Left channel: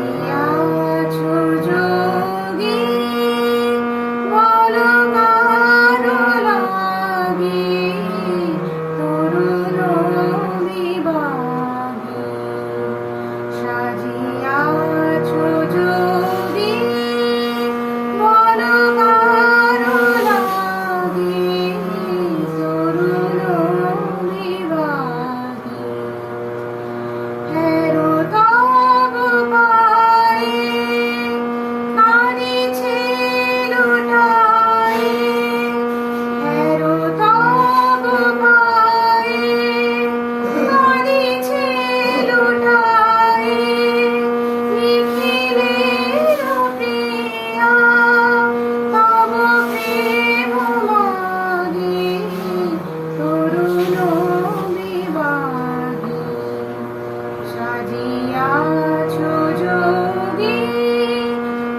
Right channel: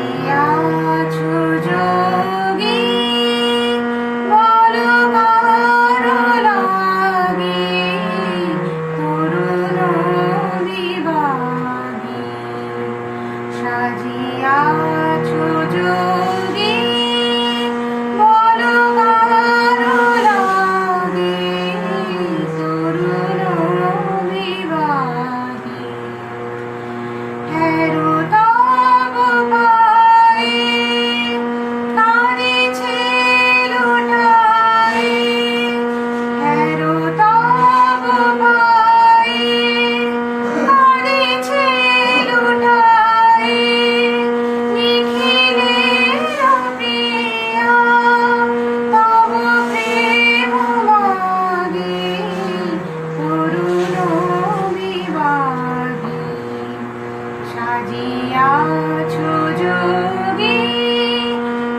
সাজিয়াছো যোগী বলো কারো লাগি তরুণ বিভাগী সাজিয়াছো যোগী বলো কারো লাগি তরুণ বিভাগী হেরো তব পায়ে কাঁদিছে লুটায়ে হেরো তব পায়ে কাঁদিছে লুটায়ে নিখিলের প্রিয়া তব প্রেম মাগে তরুণ বিভাগী সাজিয়াছো যোগী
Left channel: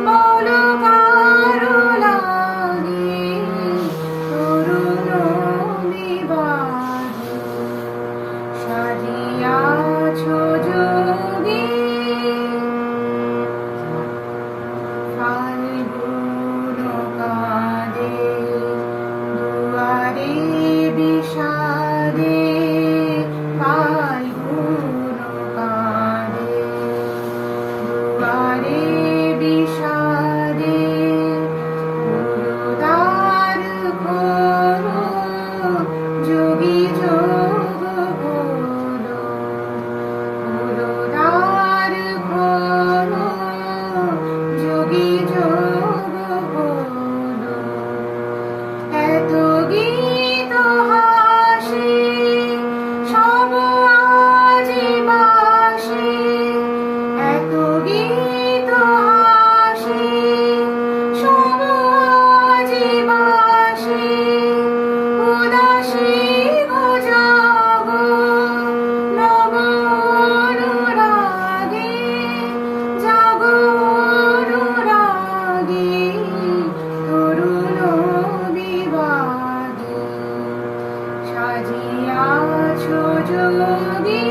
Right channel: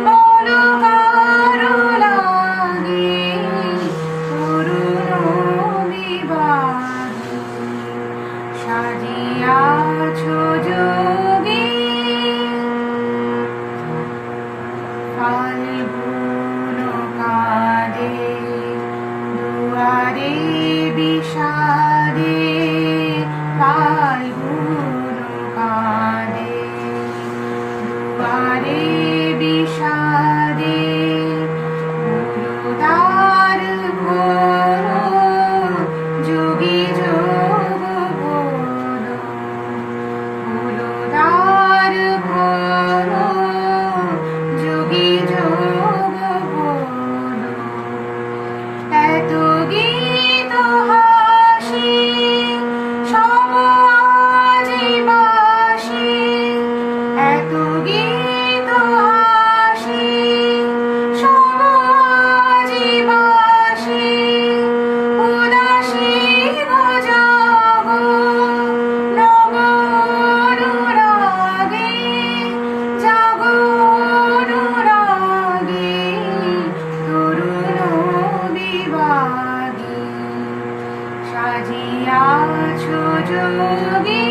বলো কারো লাগি তরুণ বিভাগী সাজিয়াছো যোগী ফাল্গুন কাঁদে দুয়ারে বিষাদে ফাল্গুন কাঁদে দুয়ারে বিষাদে গুরুদ্বার খোলো যোগী যোগ বলো গুরুদ্বার খোলো যোগী যোগ বলো এত গীত হাসি সব আজি বাসি এত গীত হাসি সব আজি বাসি উদাসী জাগো নব অনুরাগে জাগো অনুরাগে তরুণ বিভাগী সাজিয়াছো যোগী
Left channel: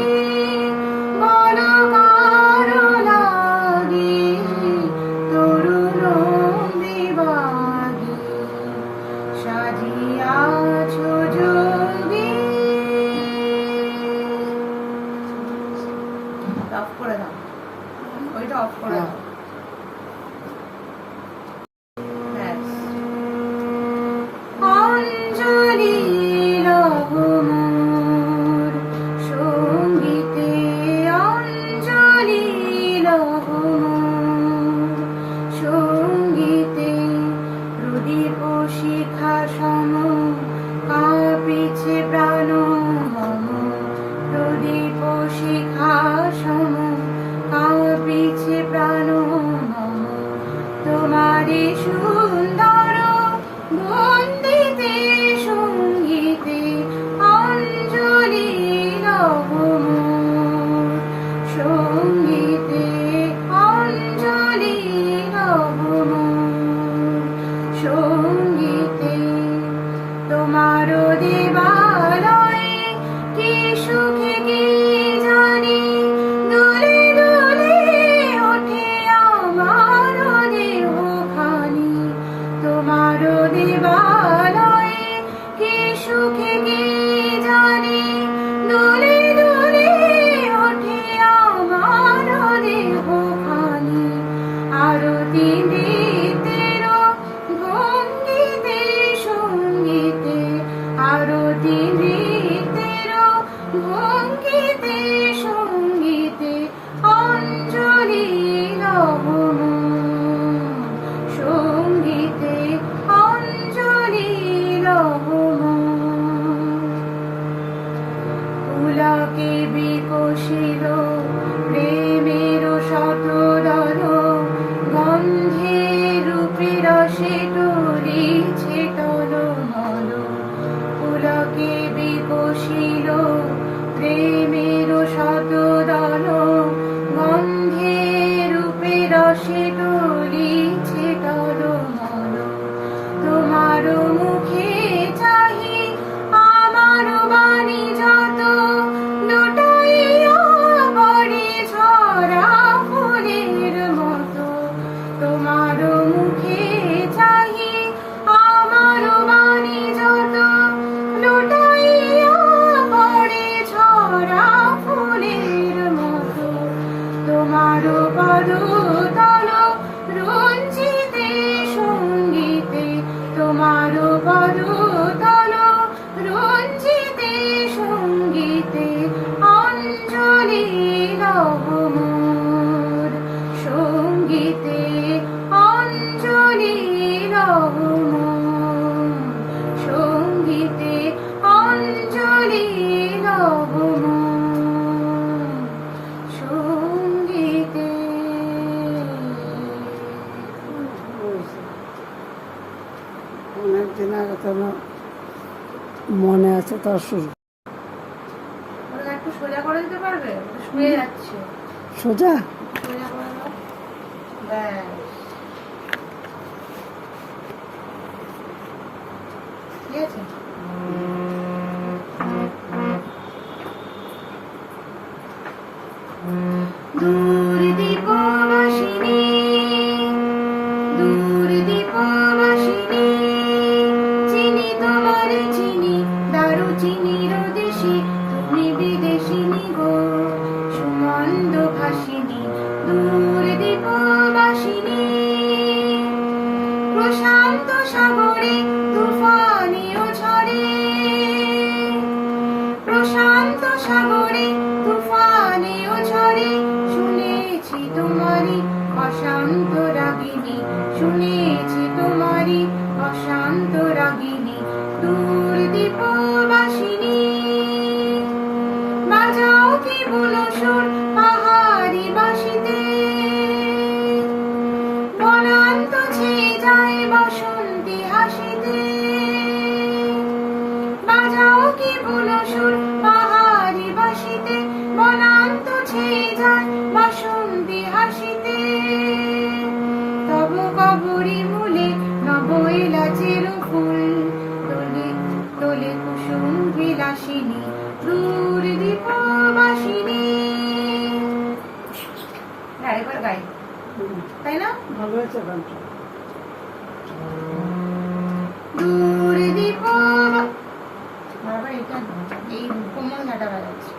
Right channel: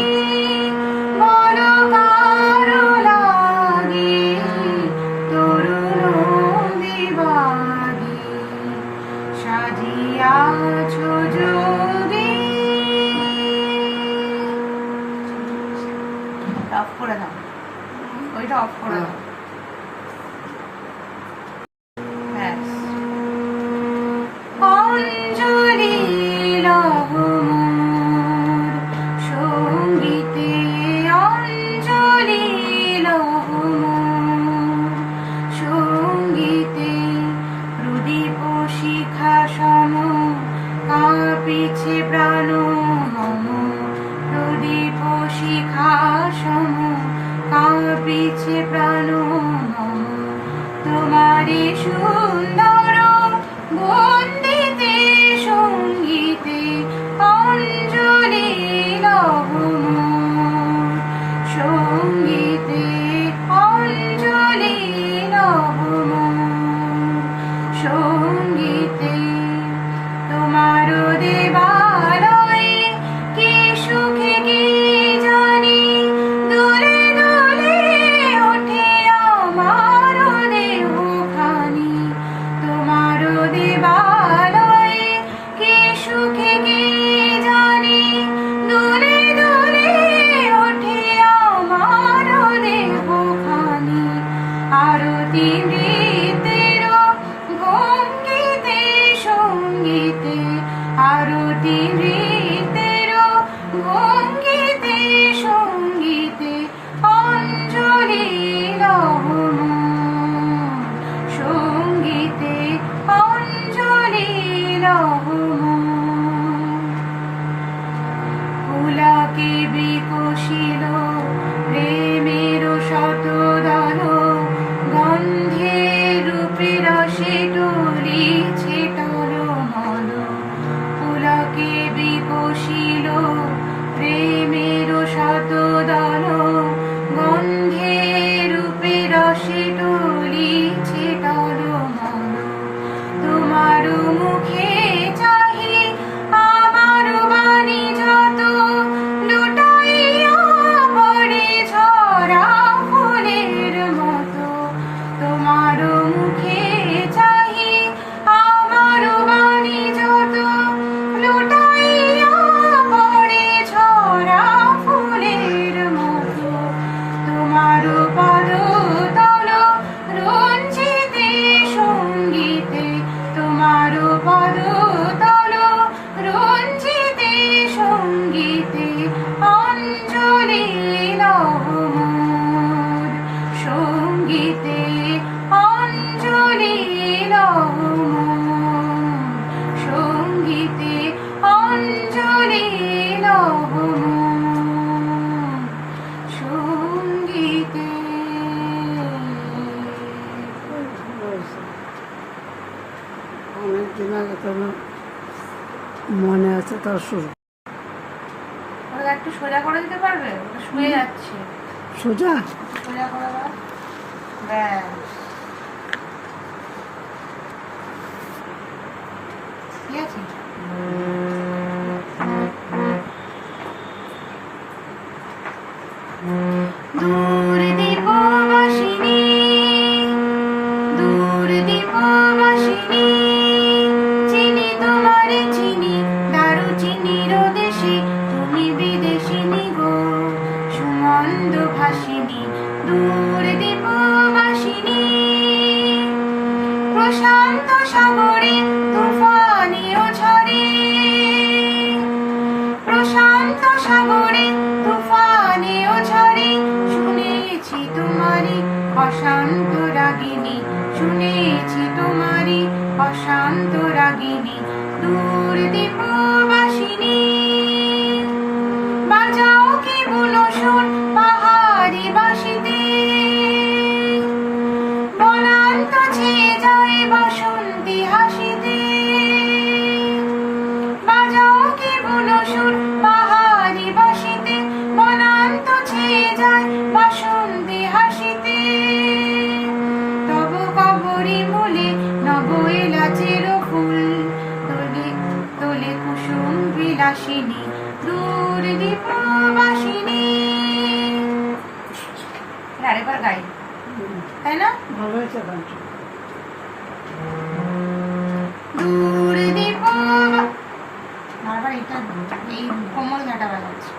বলো কারো লাগি তরুণ বিভাগী সাজিয়াছো যোগী অফ করে দাও ওইটা অফ করে দাও অঞ্জলি লহ মোর সঙ্গীতে অঞ্জলি লহ মোর সঙ্গীতে প্রদীপ শিখা সম কাঁপিছে প্রাণ মম প্রদীপ শিখা সম কাঁপিছে প্রাণ মম তোমারে সুন্দর বন্দিতে সঙ্গীতে অঞ্জলি লহ মোর সঙ্গীতে অঞ্জলি লহ মোর সঙ্গীতে তোমার দেবালয়ে কি সুখে কি জানি দোলে দোলে ওঠে আমার দেহখানি তোমার দেবালয়ে কি সুখে কি জানি দোলে দোলে ওঠে আমার দেহখানি আরতি নৃত্যের ভঙ্গিতে সঙ্গীতে আরতি নৃত্যের ভঙ্গিতে সঙ্গীতে অঞ্জলি লহ মোর সঙ্গীতে অঞ্জলি লহ মোর পুলকে বিকশিল প্রেমের শতদল গন্ধে রূপে রসে টলিছে টলমল পুলকে বিকশিল প্রেমের শতদল গন্ধে রূপে রসে টলিছে টলমল তোমার মুখে চাহি আমার আচ্ছা তার শুরু। ওটা একটু সোজা করে দিতে পারবে? ওটা শুয়ে যাচ্ছে। সোজা সোজা করে দাও। ব্যাস। ঠিক আছে। দূর দীপবাসিনী, দূর দীপবাসিনী, চিনি তোমারে চিনি, দারুচিনির দেশে তুমি বিদেশিনী গো, সুমন্দ ভাসিনী। দূর দীপবাসিনী, প্রশান্ত সাগরে তুফানিও ঝরে, প্রশান্ত সাগরে তুফানিও ঝরে, শুনেছি তোমারি অশান্ত রাগিনী, শুনেছি তোমারি অশান্ত রাগিনী। দূর দীপবাসিনী, বাজাও কি বুনো সুর পাহাড়ি বাঁশিতে, বনান্ত ছেয়ে যায় বাসন্তী হাসিতে, বাজাও কি বুনো সুর পাহাড়ি বাঁশিতে, বনান্ত ছেয়ে যায় বাসন্তী হাসিতে। তব কবরী মূলে নব এলাচের ফুল, তোলে তোলে কুসুম বিলাসিনী। দূর দীপবাসিনী। আরেকবার গাই, তাই না? ভালো হয়েছে গানটা। দূর দীপ, আবার এটা এই কোমল ঘাটা বাজাচ্ছে।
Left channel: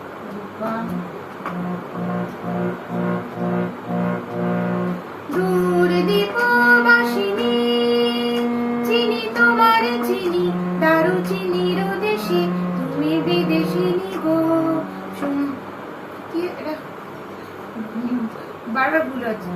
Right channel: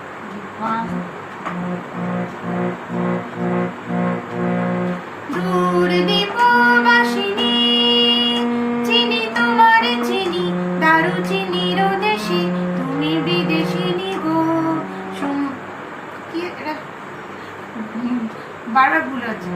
দূর দীপবাসিনী, চিনি তোমারে চিনি, দারুচিনির দেশে তুমি বিদেশিনী গো, কি এটা বারবার ভুল হচ্ছে।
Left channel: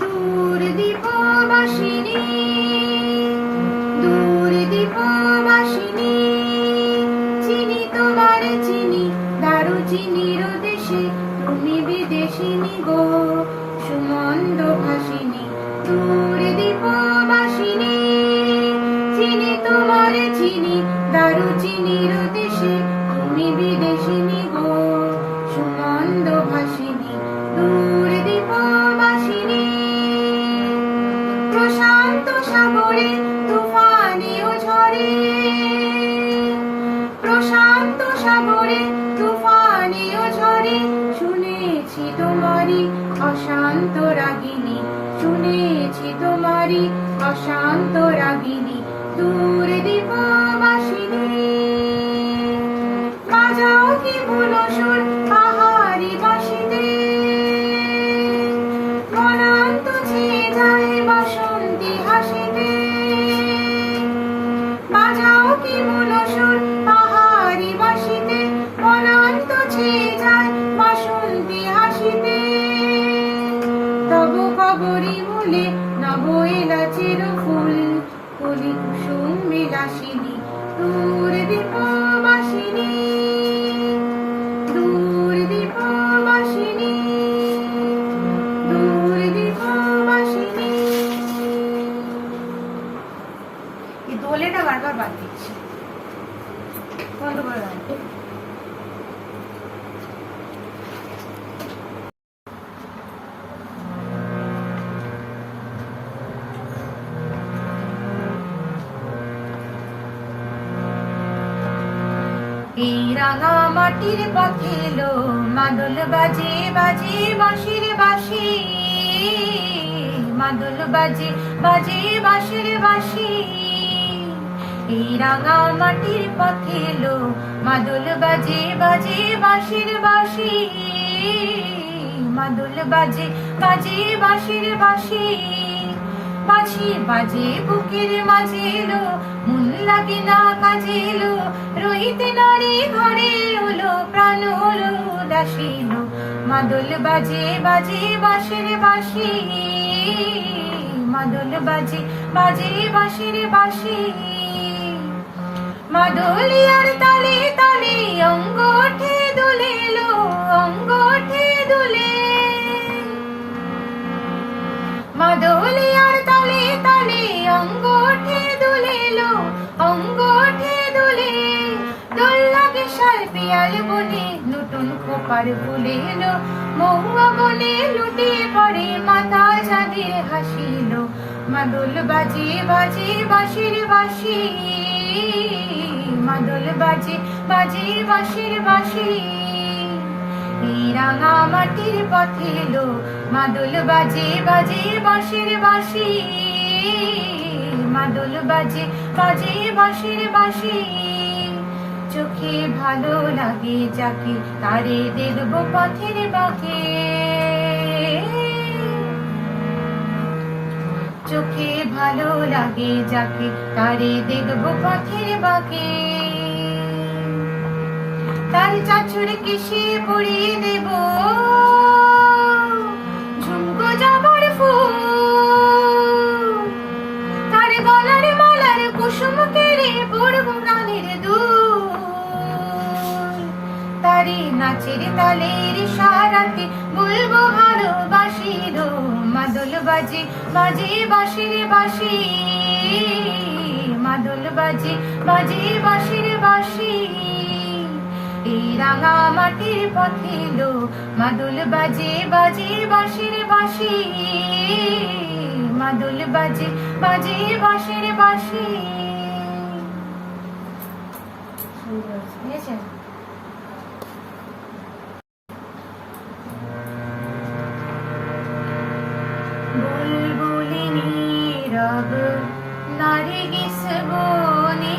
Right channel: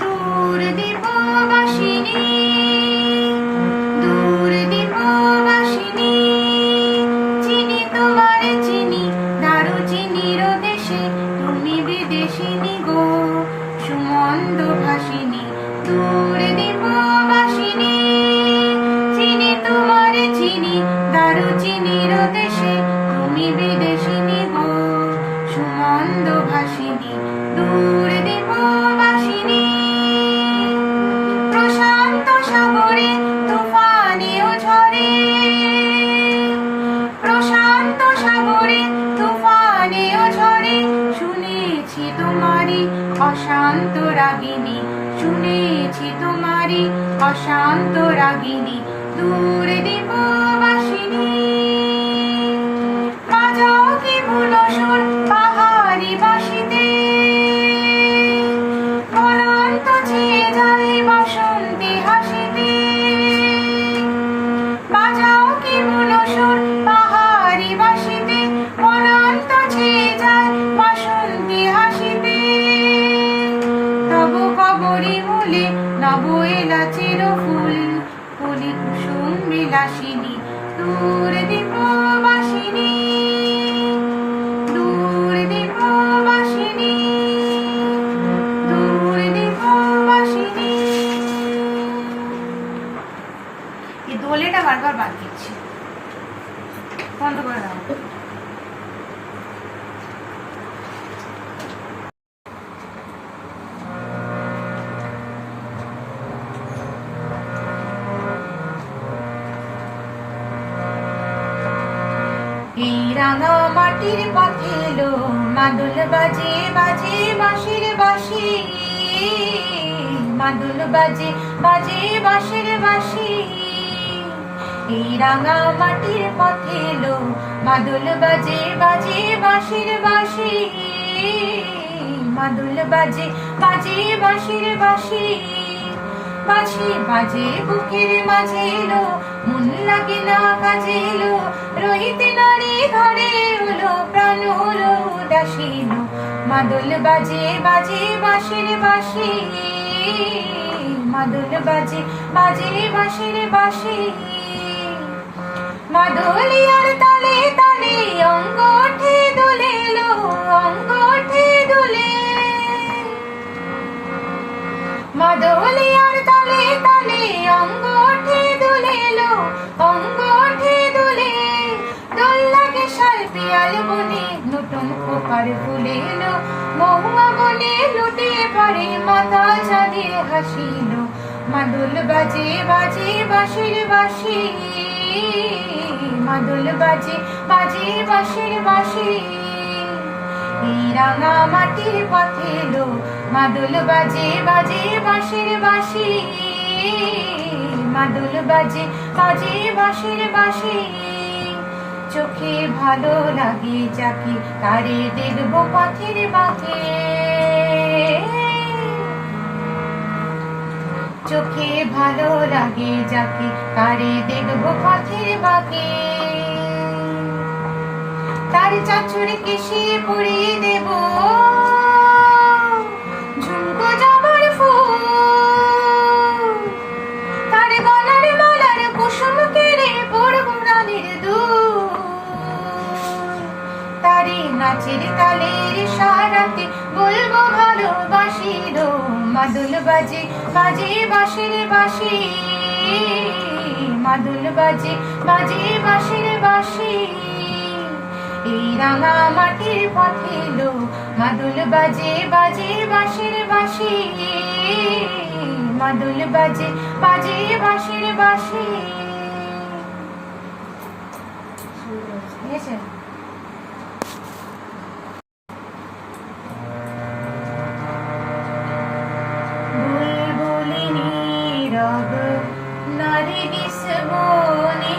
দূর দীপবাসিনী, দূর দীপবাসিনী, চিনি তোমারে চিনি, দারুচিনির দেশে তুমি বিদেশিনী গো, সুমন্দ ভাসিনী। দূর দীপবাসিনী, চিনি তোমারে চিনি, দারুচিনির দেশে তুমি বিদেশিনী গো, সুমন্দ ভাসিনী। দূর দীপবাসিনী, প্রশান্ত সাগরে তুফানিও ঝরে, প্রশান্ত সাগরে তুফানিও ঝরে, শুনেছি তোমারি অশান্ত রাগিনী, শুনেছি তোমারি অশান্ত রাগিনী। দূর দীপবাসিনী, বাজাও কি বুনো সুর পাহাড়ি বাঁশিতে, বনান্ত ছেয়ে যায় বাসন্তী হাসিতে, বাজাও কি বুনো সুর পাহাড়ি বাঁশিতে, বনান্ত ছেয়ে যায় বাসন্তী হাসিতে। তব কবরী মূলে নব এলাচের ফুল, কলি কুসুম বিলাসিনী। দূর দীপবাসিনী, দূর দীপবাসিনী, দূর দীপবাসিনী। এই দোলেটা বারবার বাদ দিচ্ছে, বন্ধ করে দাও। এই রাঙা মাটির পথে এলো মাদুল বাজে বাজে বাঁশির বাঁশি, মাদুল বাজে বাজে বাঁশির বাঁশি। এই রাঙা মাটির পথে এলো মাদুল বাজে বাজে বাঁশির বাঁশি, মাদুল বাজে বাজে বাঁশির বাঁশি। বাঁশি বাজে বুকের মাঝে এলো, মন লাগে না কাজে এলো, রহিতে নারী ঘরে হলো প্রাণ হলো উদাসীন, মাদল বাজে বাজে বাঁশির বাঁশি, মাদল বাজে বাজে বাঁশির বাঁশি। মাদলিয়ার তালে তালে অঙ্গ ওঠে দোলে লো, অঙ্গ ওঠে দোলে। মাদলিয়ার তালে তালে অঙ্গ ওঠে দোলে লো, অঙ্গ ওঠে দোলে। দোল লাগে শাল পিয়াল বনে, নতুন খোপার ফুলে এলো। মহুয়া বনে লুটিয়ে পড়ে মাথা চাঁদের হাসিল। মাদল বাজে বাজে বাঁশির বাঁশি, মাদল বাজে বাজে বাঁশির বাঁশি। এই রাঙা মাটির পথে এলো, মাদল বাজে বাজে বাঁশির বাঁশি, মাদল বাজে বাজে বাঁশির বাঁশি। চোখে ভালো লাগে যাকে, তারে দেখবো পথের বাঁকে। চোখে ভালো লাগে যাকে, তারে দেখবো পথের বাঁকে। তার চাঁচুর কেশে পরিয়ে দেব ঝুমকো জবার ফুল। তার গলার মালার কুসুম কেড়ে পরবো রানের দুল। তারে নাচের তালের সারাতে বলবো ভালোবাসির। মাদল বাজে বাজে বাঁশির বাঁশি, মাদল বাজে বাজে বাঁশির বাঁশি। এই রাঙা মাটির পথে এলো, মাদল বাজে বাজে বাঁশির বাঁশি, মাদল বাজে বাজে বাঁশির বাঁশি। বুঝেছেন? বুলবুলি নীরব নারগিস বনে,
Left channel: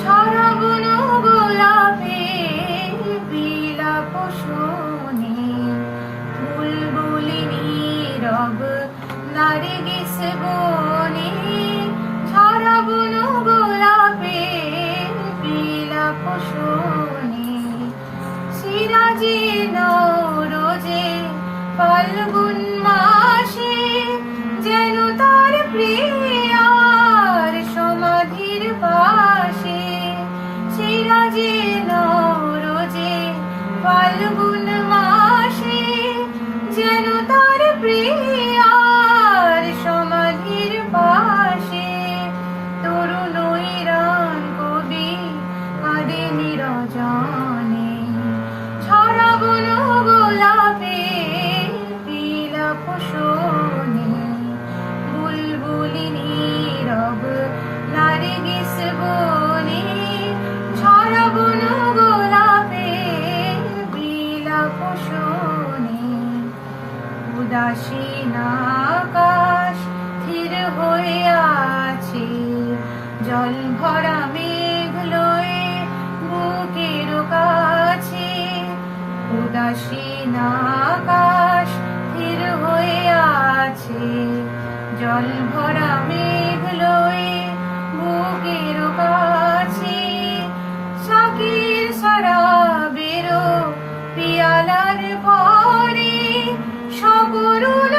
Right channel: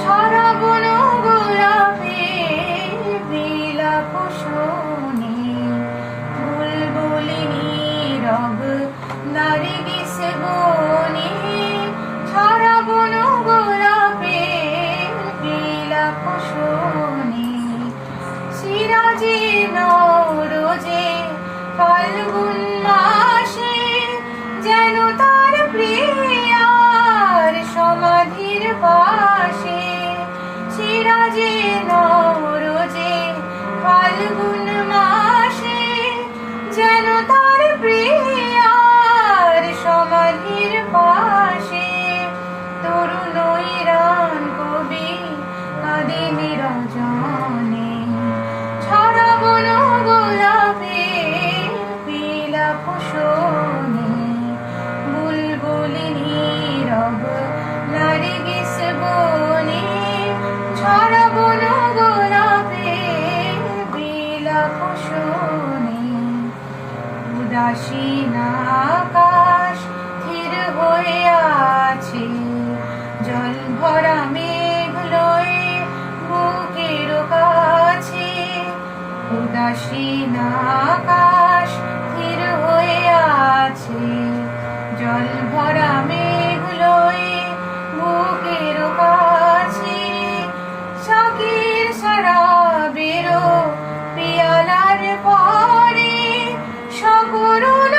ছড়াবো না গোলাপের বিলাপ শোনে। বুলবুলি নীরব নারগিস বনে, ছড়াবো না গোলাপের বিলাপ শোনে। সিরাজে নওরোজে ফাল্গুন মাসে, যেন তার প্রিয়ার সমাধির পাশে। সিরাজে নওরোজে ফাল্গুন মাসে, যেন তার প্রিয়ার সমাধির পাশে। তরুণ ইরান কবি কাঁদে নিরজনে, ছড়াবো না গোলাপের বিলাপ শোনে। বুলবুলি নীরব নারগিস বনে, ছড়াবো না গোলাপের বিলাপ শোনে। উদাসীন আকাশ স্থির হয়ে আছে, জল ভরা মেঘ লয়ে বুকের কাছে। উদাসীন আকাশ স্থির হয়ে আছে, জল ভরা মেঘ লয়ে বুকের কাছে। শাকের সারা বেরো পিয়ালার পরে, সকরুণ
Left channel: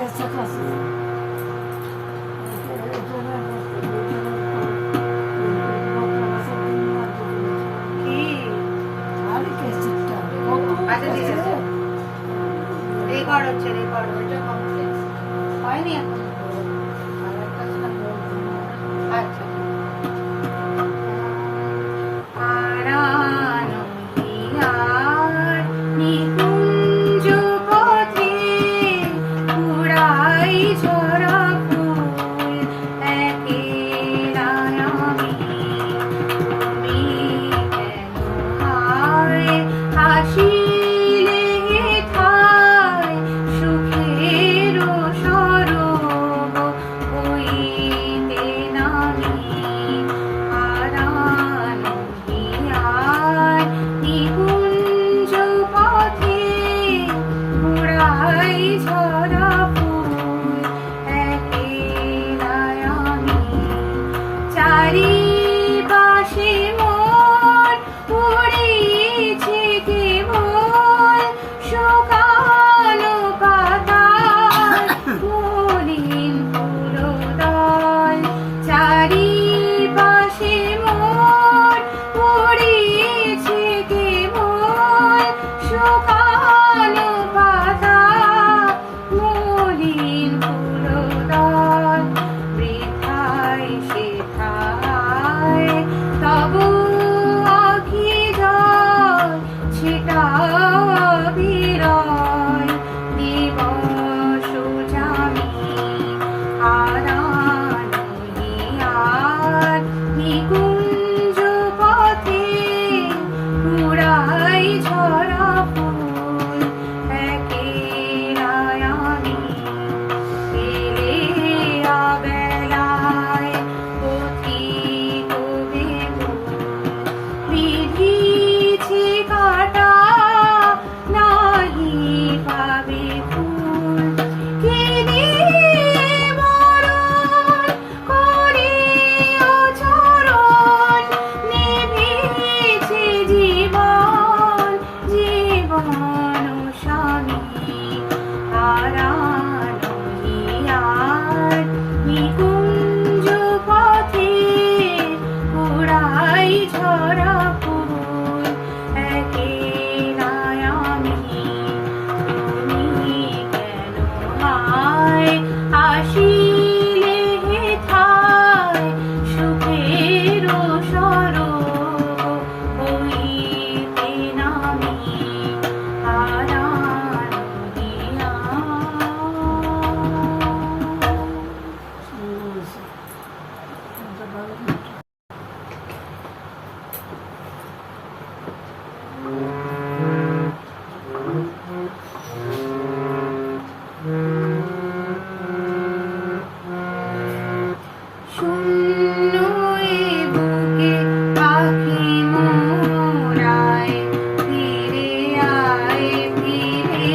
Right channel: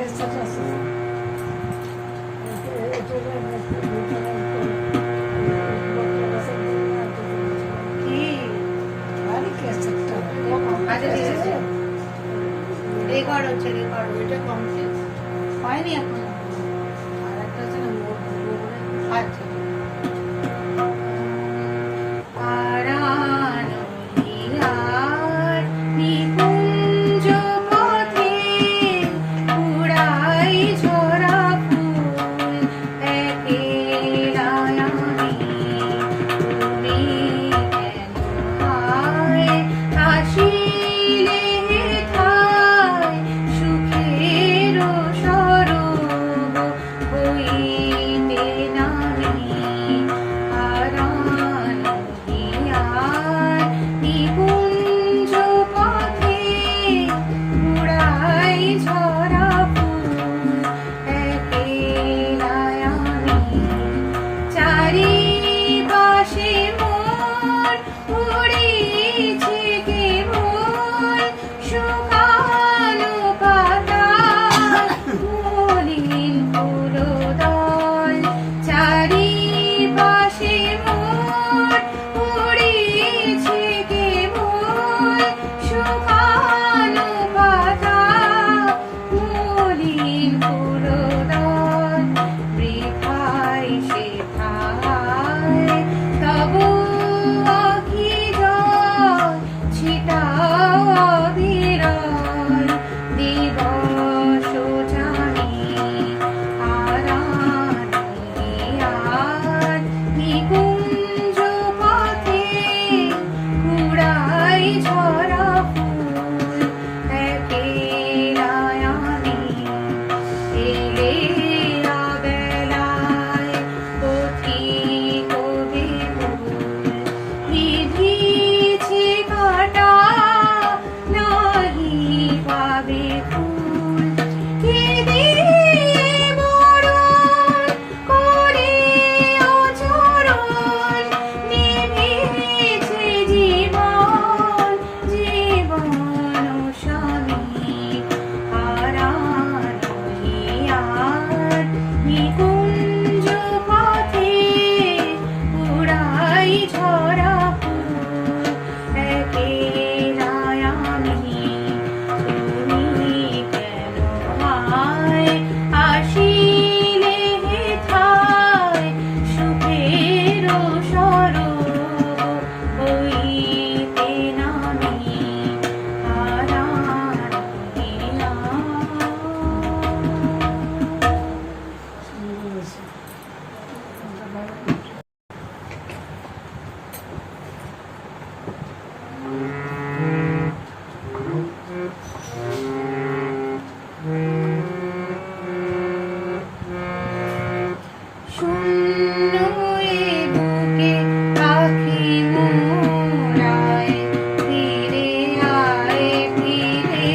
ক্যাসেট আছে কি আরে ক্যাসেটটা আচ্ছা ঠিক আছে রেকর্ড হচ্ছে রেকর্ড ওইটা কমপ্লিট হয়নি এখন আর একটা আছে না আচ্ছা আড়ানিয়ার নিকুঞ্জ পথে উড়াই ঝরা ফুল একেলা আমি তুমি কেন হায় আসিলে ঠায় সুখের সরব হইতে নামি আড়ানিয়ার নিকুঞ্জ পথে উড়াই ঝরা ফুল একেলা আমি চারিপাশে মোর উড়েছে কেবল শুকানো পাতা মলিন ফুলদল চারিপাশে মোর উড়েছে কেবল শুকানো পাতা মলিন ফুলদল বৃথায় সেথায় তব অভিজয় ছিটাও বিরল দিবস জানি আড়ানিয়ার নিকুঞ্জ পথে কুড়াই ঝরা ফুল একেলা আমি এলে আবেলায় পথিক বেকুল বিধিছে কাটা নাহি পাবে ফুল কে দিয়ে মরণ করে অচরণ নিভেছে জীবন স্বামী আড়ানিয়ার নিকুঞ্জ পথে উড়াই ঝরা ফুল একেলা আমি তুমি কেন হায় আসিলে হেথায় সুখের সরব হইতে নামি শূন্য এ বুকে পাখি মোরায় ফিরে আয় উড়ে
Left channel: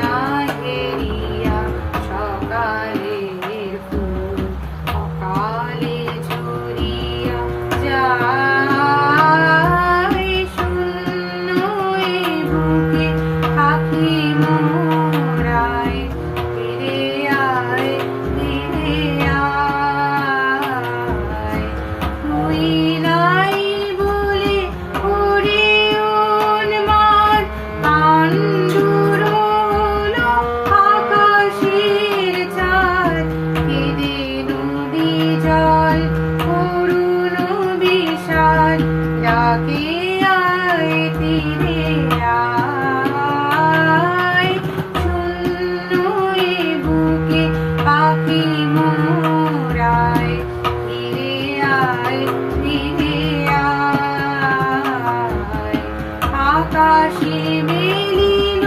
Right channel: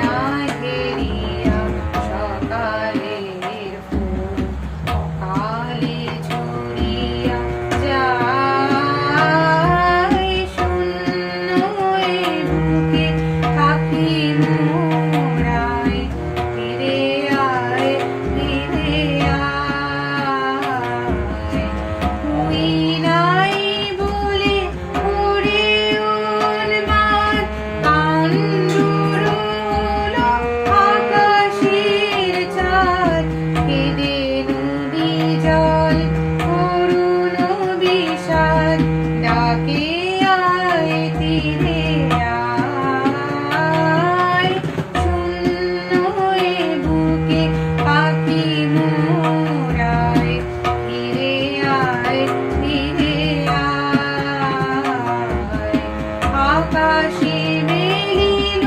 না ঘেরিয়া সকালের ফুল অকালে ঝরিয়া যায় শূন্য এ বুকে পাখি মোরায় ফিরে আয় তুই নাই বলে ওরে উন্মাদ পাণ্ডুর হলো আকাশের চাঁদ কেঁদে নদী জল করুণ বিষাদ ডাকে আয় তীরে আয় শূন্য এ বুকে পাখি মোরায় ফিরে আয় আকাশে মেলিল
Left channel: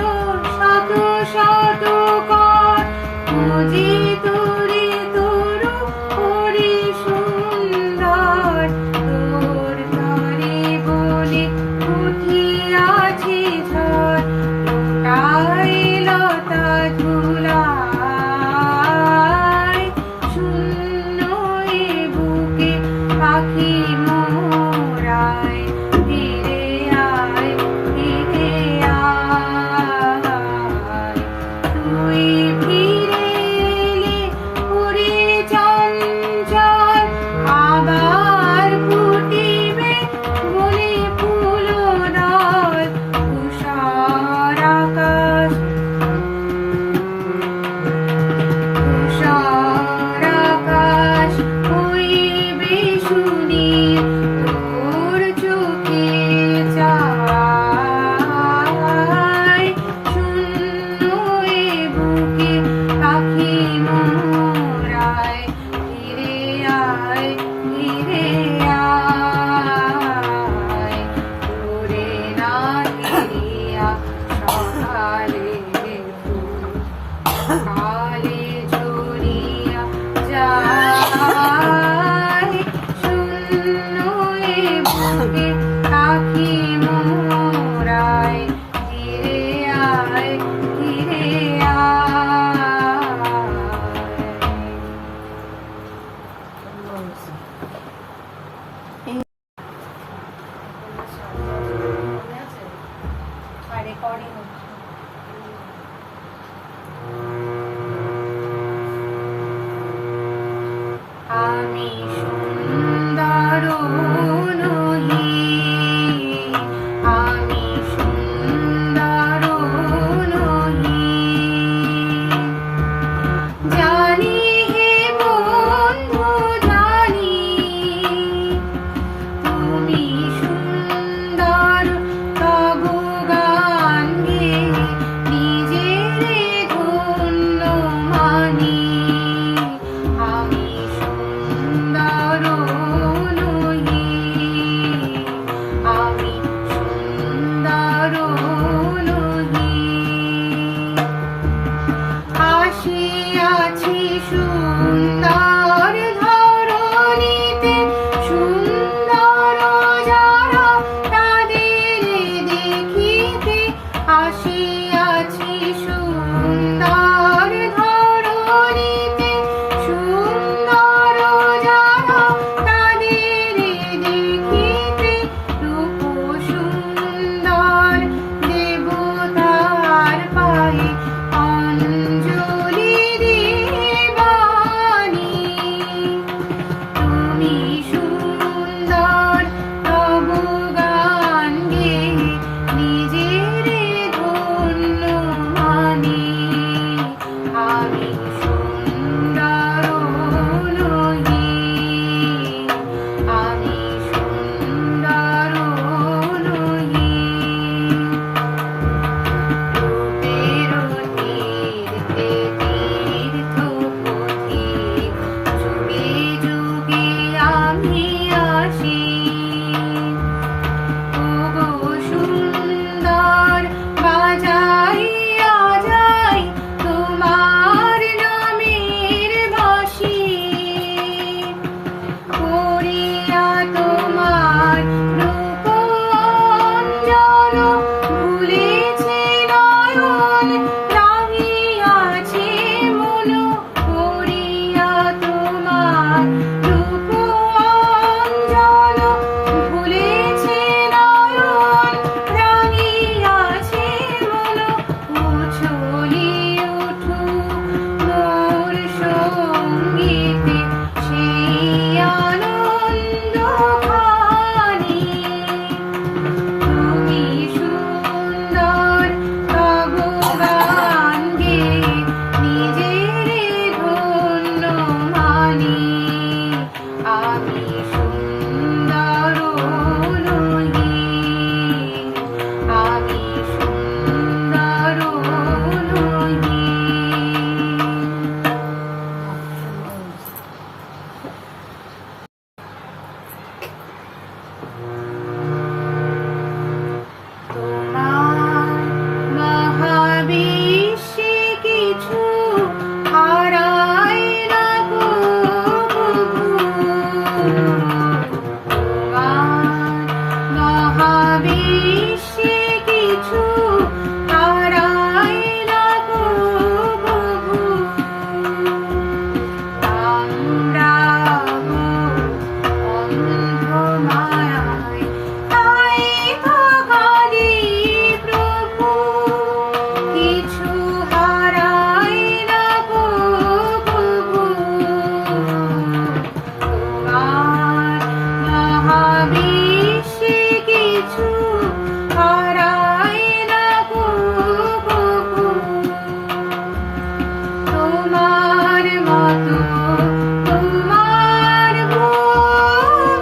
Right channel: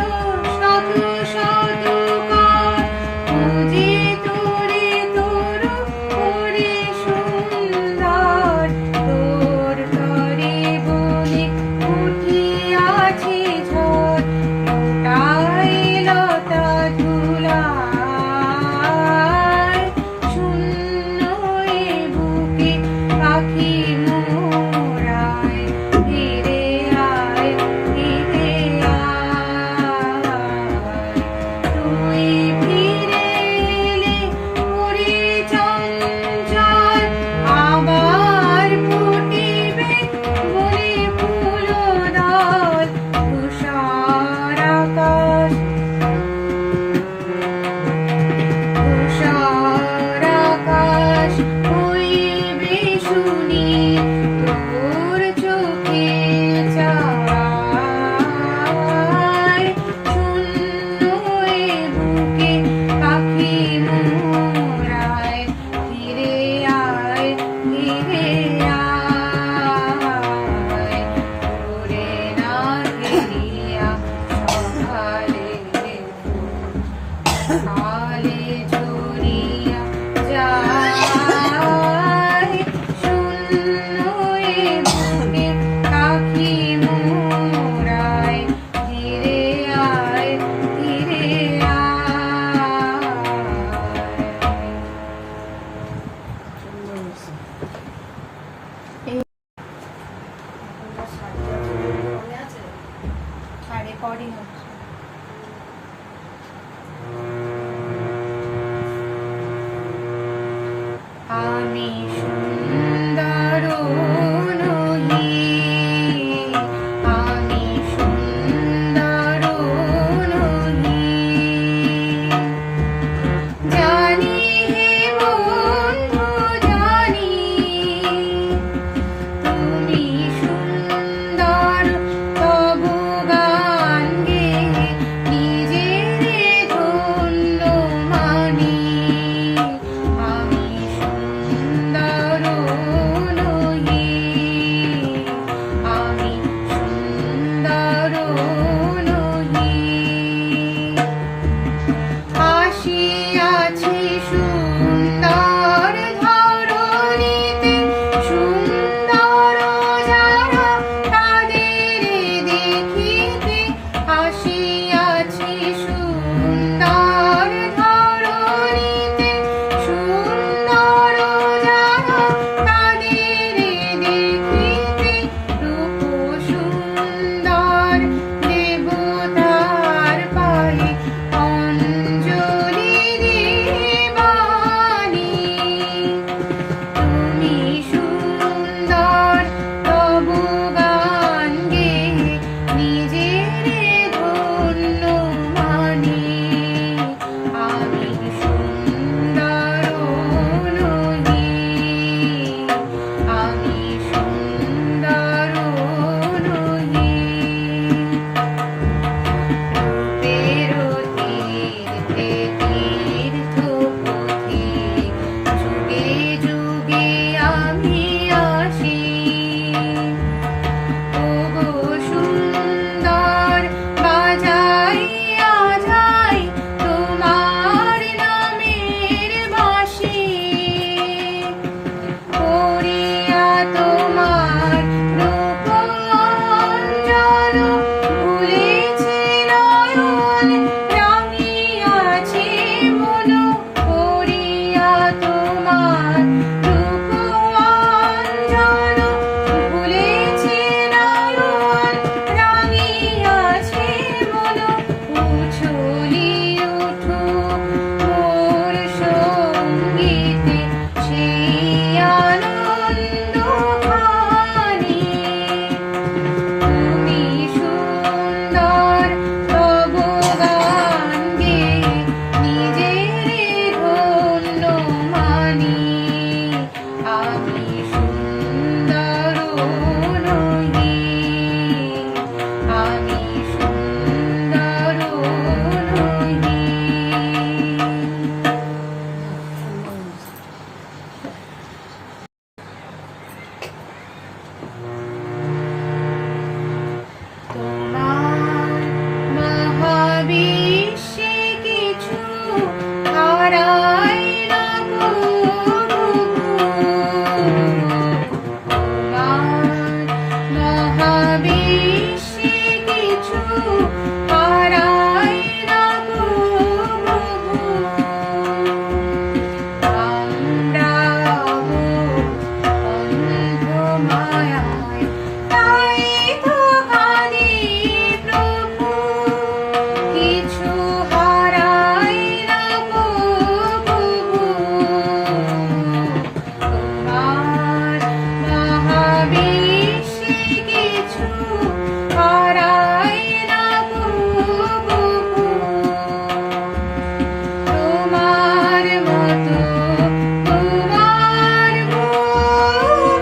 শত শত কার খুঁজে তোরে তরু করে সুন্দর তোর তরে বলে উঠিয়াছে ঝড় লোটায় লতা ধুলায় শূন্য এ বুকে পাখি মোরায় ফিরে আয় রেকর্ডিং হচ্ছে। আমি সুন্দর নহি, আমি সুন্দর নহি, জানি হে বন্ধু জানি, তুমি সুন্দর তবু গান গেয়ে নিজের ধন্য মানি। আমি সুন্দর নহি, আমি সুন্দর নহি, আসিয়াছি সুন্দর ধরণীতে, সুন্দর যারা তাদের দেখিতে, আসিয়াছি সুন্দর ধরণীতে, সুন্দর যারা তাদের দেখিতে, রূপ সুন্দর দেবতার পালে অঞ্জলি দেবানি। তুমি সুন্দর তবু গান গেয়ে নিজের ধন্য মানি। আমি সুন্দর নহি, আমি সুন্দর নহি, তীর্থে তীর্থ পথিক, যুগে যুগে আমি আসি। ওগো সুন্দর বাজাইয়া যাই তোমার নামের বাঁশি, করিয়া তোমার রূপ অঞ্জন, ভুলেছি নয়ন রাঙিয়াছে মন, করিয়া তোমার রূপ অঞ্জন, ভুলেছি নয়ন রাঙিয়াছে মন। উছলি উঠুক মোর সঙ্গীতে সেই আনন্দ খানি। তুমি সুন্দর তবু গান গেয়ে নিজের ধন্য মানি। আমি সুন্দর নহি, আমি সুন্দর নহি। তোমার মহাবিশ্বে কিছু হারাই না গো প্রভু। তোমার মহাবিশ্বে কিছু হারাই না গো প্রভু। আমরাও অন্ধ মায়ায় তাই তো কাঁদি প্রভু, কিছু হারাই না গো প্রভু। তোমার মহাবিশ্বে কিছু হারাই না গো প্রভু। তোমার মতো তোমার ভুবন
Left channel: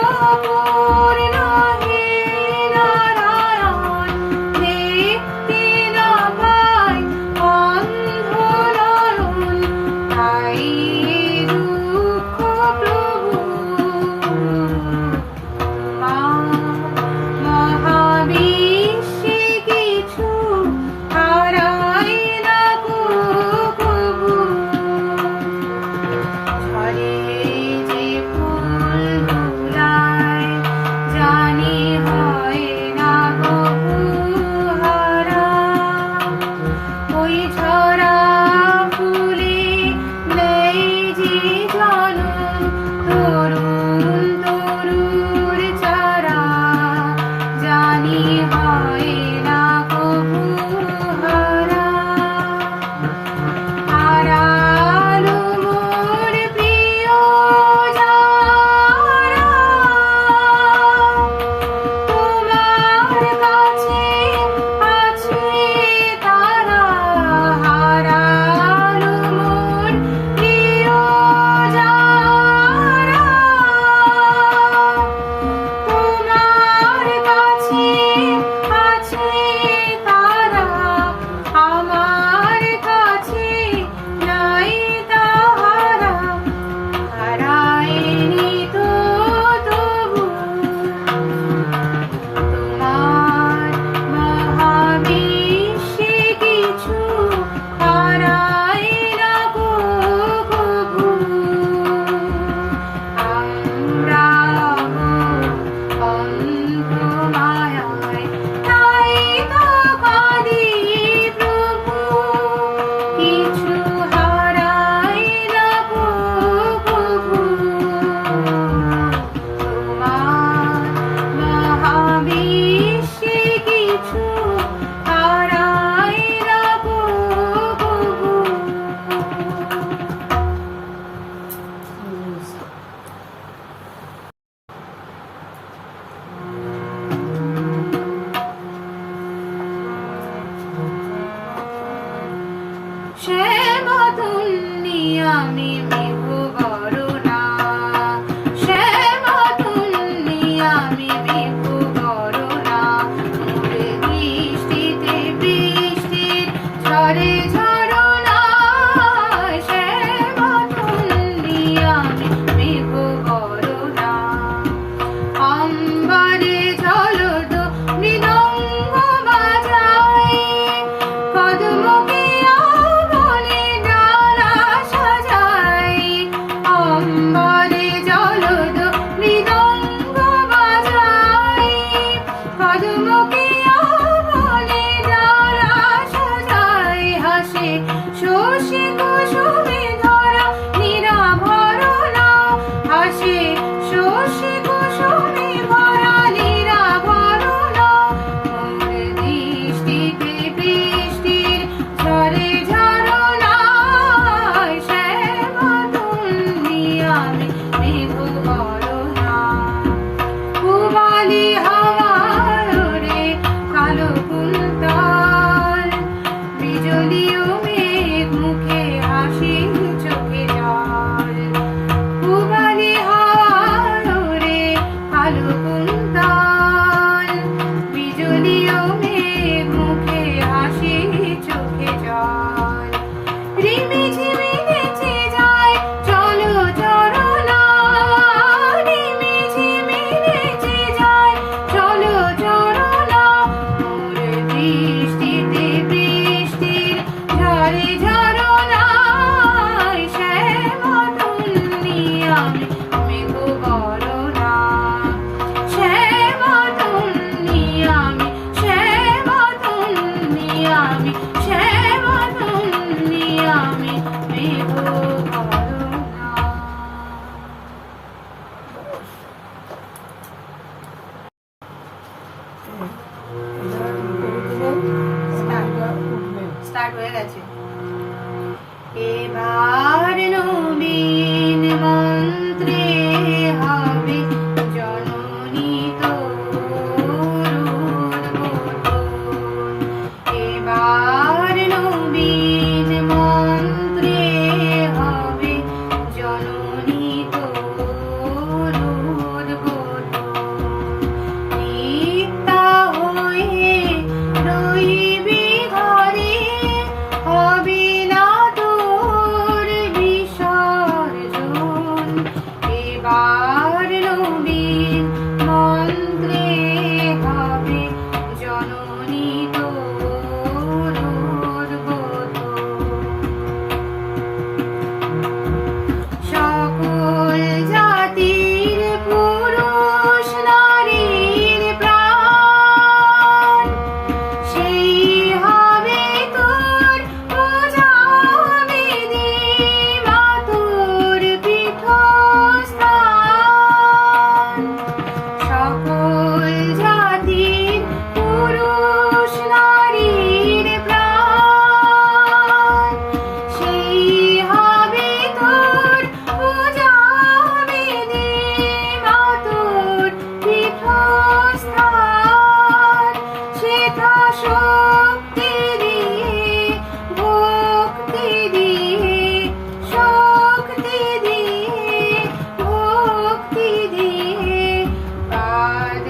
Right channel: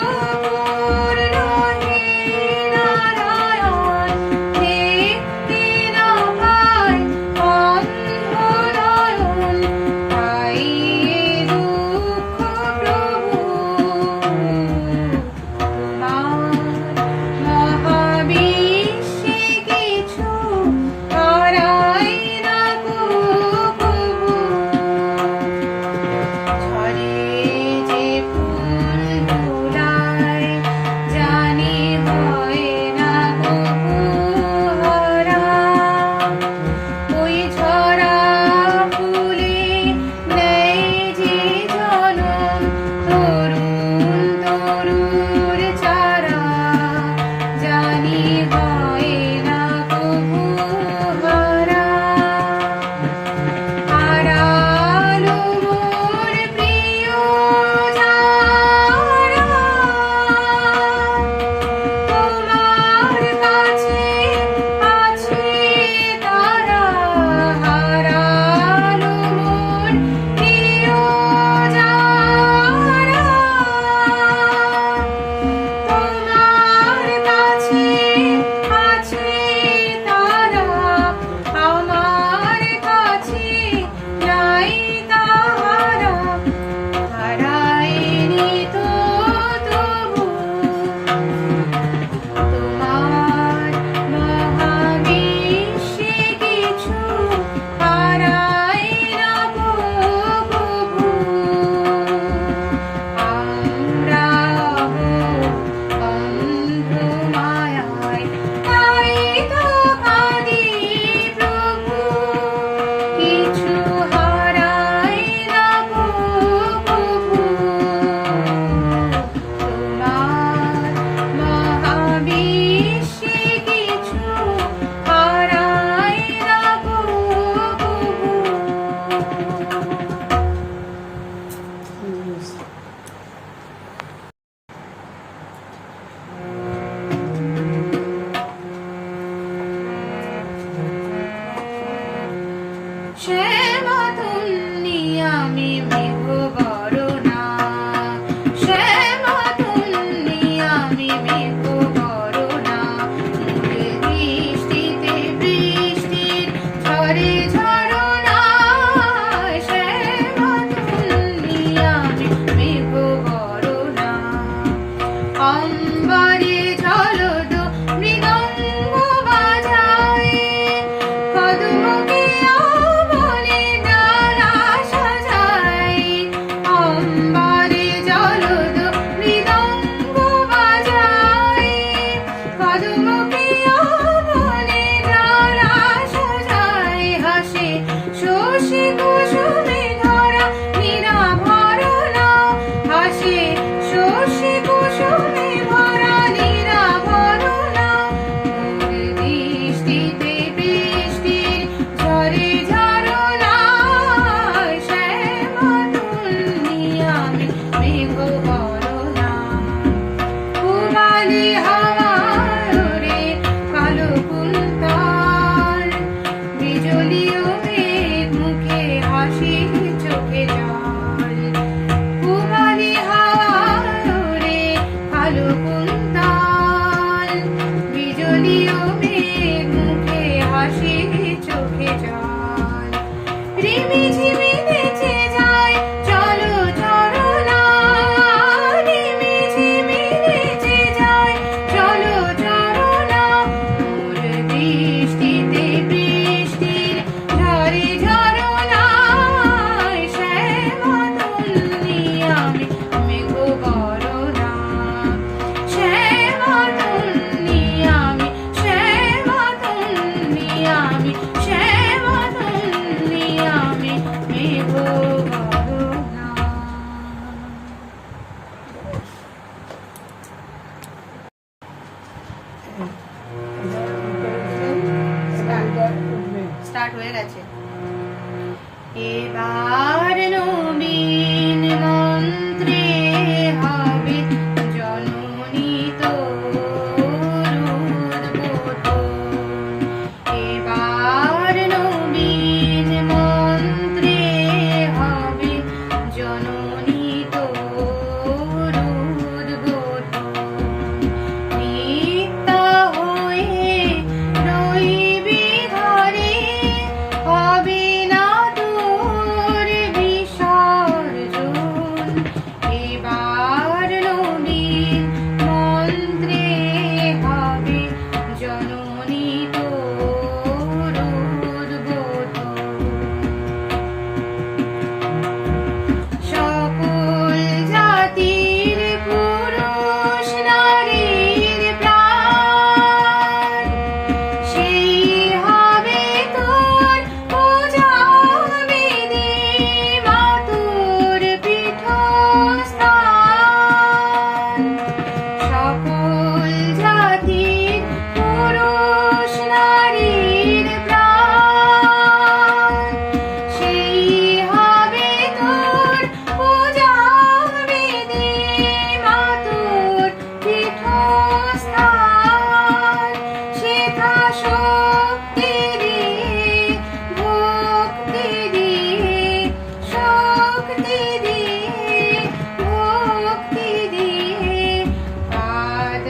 চিরপূর্ণ হে নারায়ণ, দেখতে না পাই অন্ধ নয়ন, তাই এ দুঃখ প্রভু। তোমার মহাবিশ্বে কিছু হারাই না গো প্রভু। ঝরে যে ফুল দোলায় মেঘ করোনা মোর দৃষ্টিতে বৃষ্টির ঝরে ঝরনা শ্যামা তুমি আমি মেঘ করোনা অম্বরে ঝলদ মৃদঙ্গ বাজায় পদ্মকে বলে ডানা সাজায় অম্বরে ঝলদ মৃদঙ্গ বাজায় পদ্মকে বলে ডানা সাজায় হাসে শশী কুসুমে ধরা নিরাভরণা হাসে শশী কুসুমে ভরা নিরাভরণা মোর দৃষ্টিতে বৃষ্টির ঝরে ঝরনা শ্যামা তুমি আমি মেঘ করোনা পূবালি হাওয়ার রে কালো কুন্তল বিজলি ও মেঘ মুখে হাসি চোখে জল পূবালি হাওয়ার রে কালো কুন্তল বিজলি ও মেঘ মুখে হাসি চোখে জল রিমি ঝিমি নেচে যায় চলো চরণা রিমি ঝিমি নেচে যায় চলো চরণা মোর দৃষ্টিতে বৃষ্টির ঝরে ঝরনা শ্যামা তুমি আমি মেঘ করোনা শ্যামা তুমি আমি শ্যামা তুমি আমি শ্যামা তুমি আমি মেঘ করোনা স্টার্ট হয়ে গেছে এবার নবীন মন্ত্রে হবে জননী এবার নবীন মন্ত্রে হবে জননী নিত্যা হয়ে রইবি ঘরে হবে না তোর বিসর্জন এবার নবীন মন্ত্রে হবে জননী তোর সকল জাতির পুরুষ নারীর প্রাণ সেই হবে তোর পূজা বিধি মাতুর পীঠস্থান সকল জাতির পুরুষ নারীর প্রাণ সেই হবে তোর পূজা বিধি মাতুর পীঠস্থান সেথা শক্তি দিয়ে ভক্তি দিয়ে শক্তি দিয়ে ভক্তি দিয়ে পাদ